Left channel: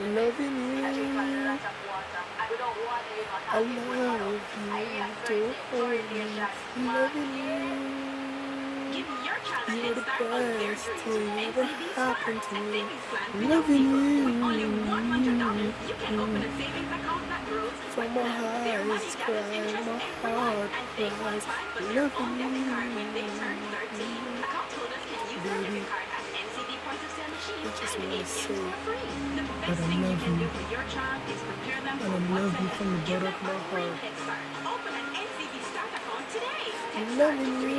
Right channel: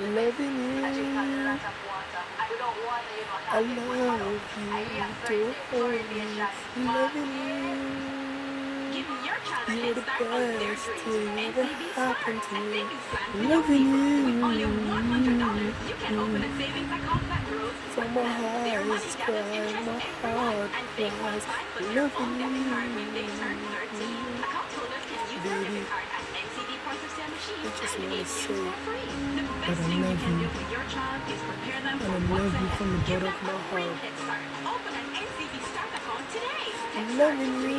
loving you. I love you, totally loving you. You're the best thing ever happened to me. Loving you. From my eyes cry, my heart cries. Loving you. Baby, I just wanna say that I love you. And I love you from the bottom of my heart. Loving you.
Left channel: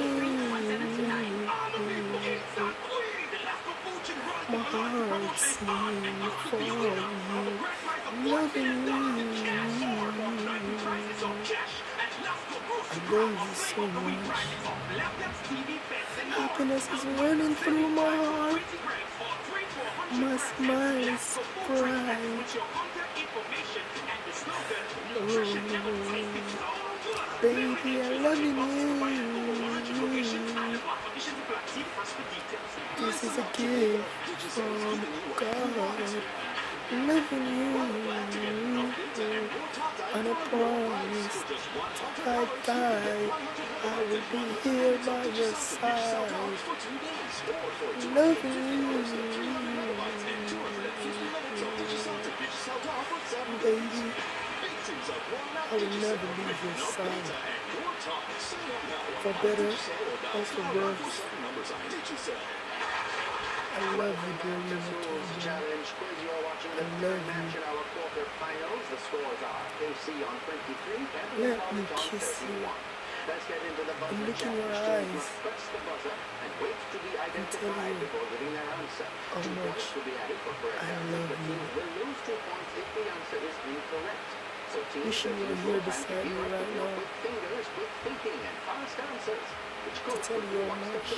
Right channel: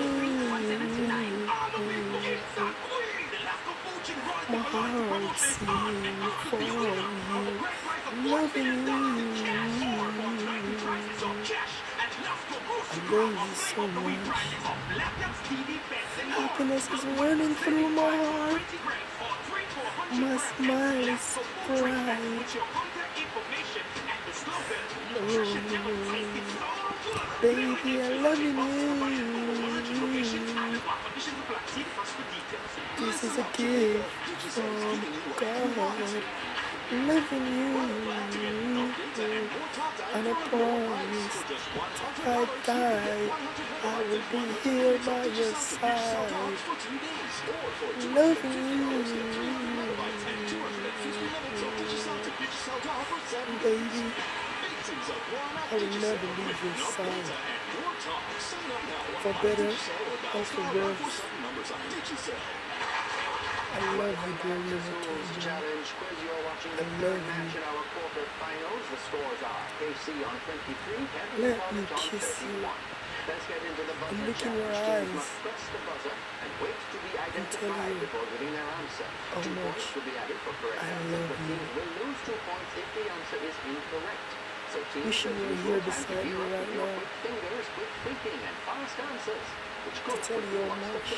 My heart sings for you. Loving you. I love you so much. Happiness is running through my heart. My smile is bright. Oh, baby, I love you. This is a gift from God. Loving you. And I promise if I die, I will be here by your side. Loving you. Baby, I will never leave your side. For better or for worse. I love you, dearly, I love you. Let me kiss you and look in your eyes and tell you how much I love you. Wishing you were here beside me right now to tell you how much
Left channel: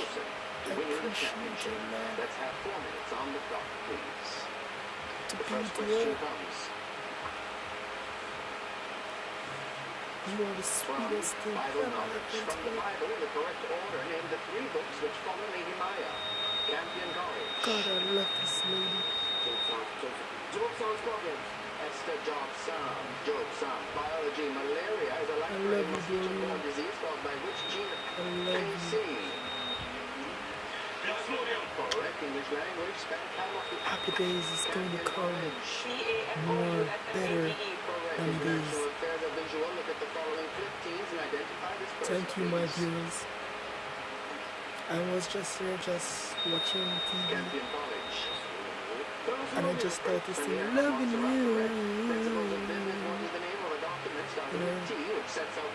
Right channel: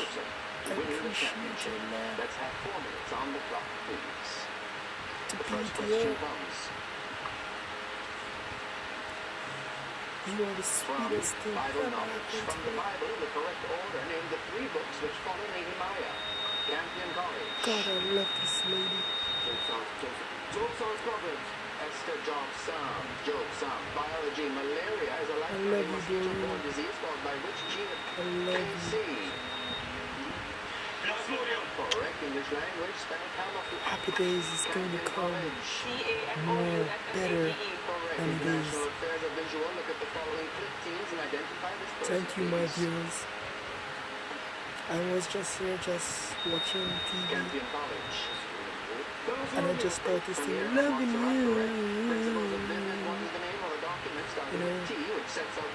I appreciate your love. To be dear. You are the sweetest thing ever happened to me. God, I love this lady. I love you, Dorina. I love you. Happy days is going to come more better than these. Thank you, my viewers. I was just here watching TV, and I just thought this thing, loving you. You know,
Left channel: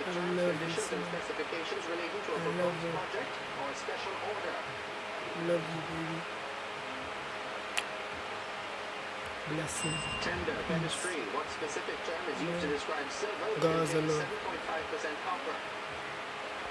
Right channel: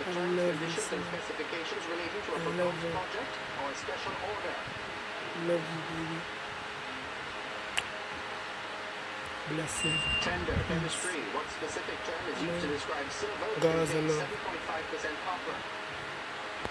I love you so much. I love her. Love you, baby. Blessing. Peace. Love. God's love.